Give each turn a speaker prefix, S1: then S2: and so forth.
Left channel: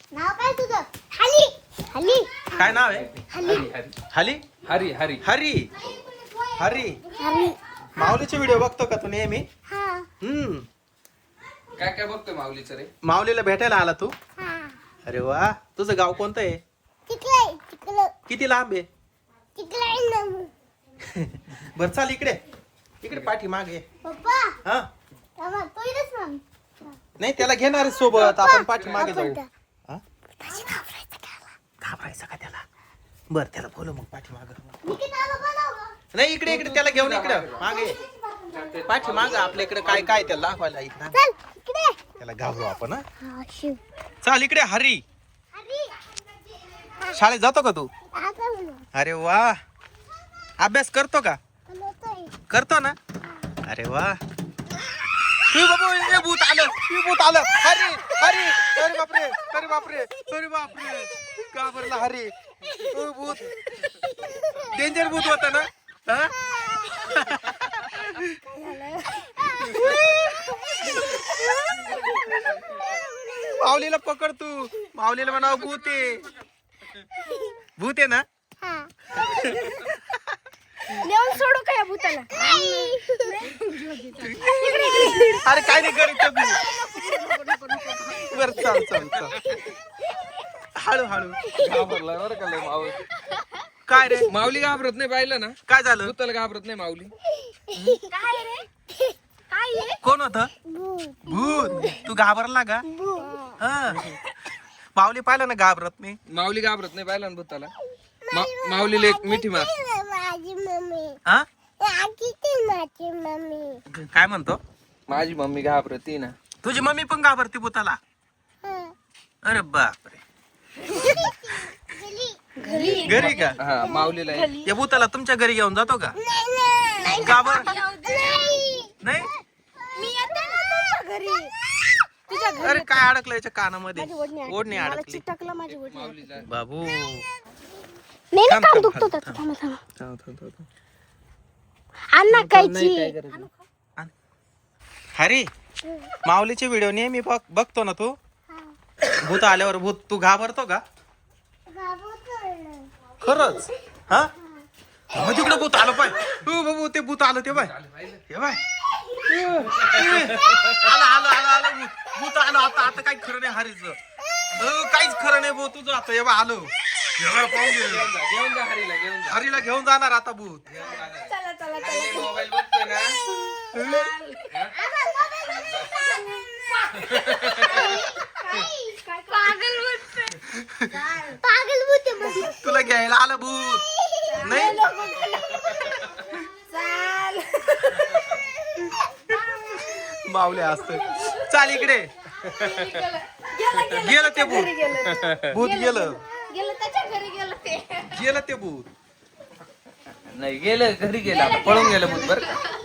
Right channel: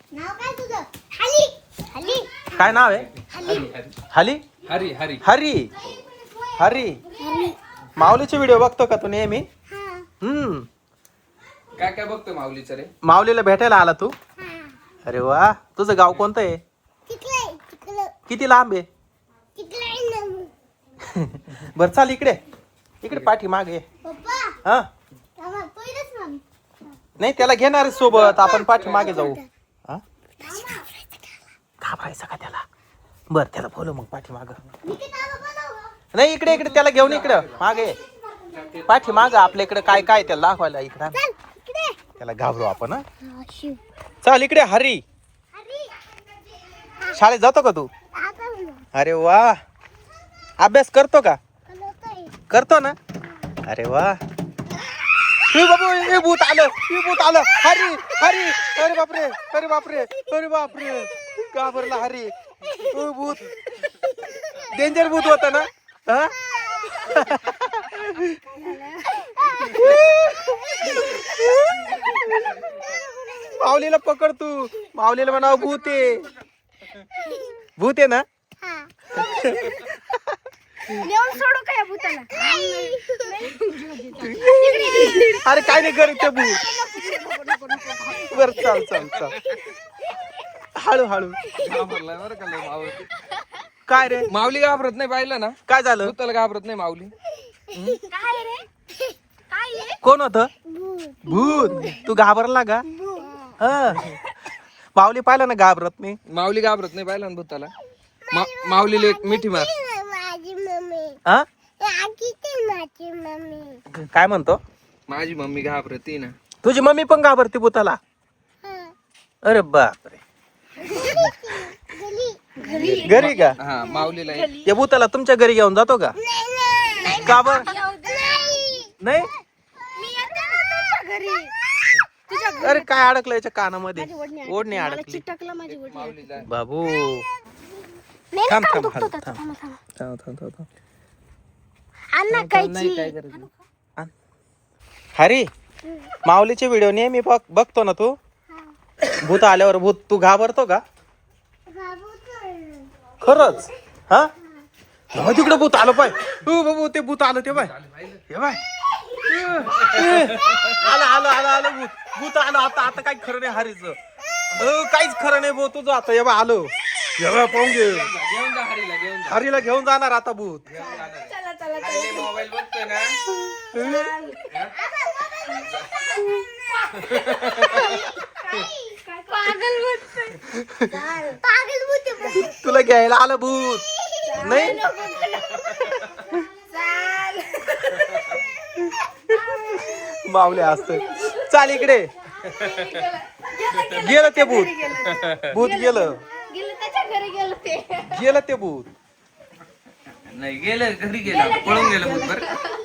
S1: नाव काय तुझं? हली हली
S2: काय नाव आहे?
S1: हली
S2: हली
S3: हरी हरी
S2: हरी हरी
S1: हली.
S2: माऊलीचे व्हिडिओ बघतो का तू नेहमी?
S1: हा
S3: काय काय बघतोय माऊलीचं रे?
S2: माऊलीला भेटायला आला तू?
S1: हा.
S2: अरे वा, तुझं गाव कोणतं आहे?
S1: तिकडे तिकडे
S2: किती लांब आहे?
S1: तिकडे
S2: बर चाल इकडे इकडे पाठी मागे.
S1: पप्पा
S2: हा
S1: थांबा, तो इथेच थांब.
S2: नाही त्याला घेणार आहे सोबत, आपण पाठी मागे जाऊ. हा घाबरायचं का त्याला? बर त्याला बोलू मग पाठी माग.
S1: मी किती आलो बनवलं?
S2: नाही इकडे इकडे त्याला घेऊन इकडं मागे पाठी माग. आपल्या इकडे काय काय त्याला दाखवायला इकडं.
S1: चल इकडे.
S2: त्याला घाबरू आपण. हा
S1: हा शिव.
S2: चाल इकडे हरी.
S1: हली.
S2: शाळेत जातो का तू?
S1: आता बोलू.
S2: अरे वा, अभ्यास करतो का?
S1: बोलतोय.
S2: करतो ना? अरे वा. ए बाबू, ए भूत आलं, ए भूत आलं. हरी हरी, अरे बापरे, अरे बापरे, अरे बापरे, घाबरला हरी. ओ भूत, डेंजर भूत होता ना? हा? माऊलीला पकड तू. माऊलीला म्हणाव भूत आहे. भूत आहे ना?
S1: नेऊन सोडू का या भूताला?
S2: अरे काय नाही करीत ते भूत. बर चाल चाल चाल, हळू हळू.
S3: घाबरलाय बरं का लय माऊली.
S2: काय रे,
S3: माऊली घाबरत नाही, पाहिलं ना?
S2: काय झालं?
S3: भूताला घाबरत नाही माऊली.
S1: काय रे? काय आहे?
S2: कोण होत?
S1: भूत.
S2: भूत. तू घाबरला का?
S1: भूत.
S2: हा. माऊली पाहिलं ना घाबरत नाही.
S3: माऊली घाबरत नाही, पाहिलं ना भूताला? माऊलीला एक मिठी मार.
S1: माझी मम्मी.
S2: हा
S1: आजी ती माझी मम्मी.
S2: काय म्हणतो?
S3: माझी मम्मी घाबरती ना.
S2: तुझी मम्मी पण घाबरते भूताला? अरे बापरे.
S1: घरी.
S2: घरी का?
S3: हा माऊलीला एक.
S2: या भूताला तुमच्या घरी घेऊन जातो का?
S1: नाही.
S2: का बर?
S1: नाही.
S2: नाही.
S1: मी येते ना तुझ्या घरी. तुझ्या घरी.
S2: अरे काय अडकलं याच्या कानामध्ये? ओढणी
S1: मला
S2: अडकली.
S1: चिटकला माझी ओढणी.
S3: माऊलीला
S2: बाबू
S1: नाही
S2: थांब
S1: ना,
S2: थांब
S1: दुखतो
S2: थांब
S1: त्याचा.
S2: थांब
S1: थांब, थांब.
S2: थांब थांब.
S1: अण्णा
S3: नाही
S1: कायची.
S3: काय करायचं.
S2: हरी, माऊलीचे व्हिडिओ नेहमी बघतो ना तू? भूत आल्यावर भूत तू घाबरतो का? खरंच? हा तिकडे भूत आलं पाय. हो बाबू, ते भूत आलं ते बाय. हे बाय, आलं आलं आलं आलं भूत. भूत आलं. आता आता काही खरं नाही हरीचं. काहीच खरं नाही भाऊ तुझं. आता हे बा आलो. हे बा पाहून घे.
S3: घेऊन जा हरीला, घेऊन जा.
S2: हरीला घेऊन जाणार आता भूत.
S3: हरी मोबाईल बघतोय ना.
S1: पागल भूत.
S2: तुला घ्यायला आलं भूत नाही? माऊली असत. चाल इकडे. गेलं ते भूत. भूत गेलं.
S1: गेलं त्याच्या घरी गेलं ते.
S2: गेलं ते भूत.
S3: नाही गेलं, घरी गेलं, पळून गेलं भूत बरं.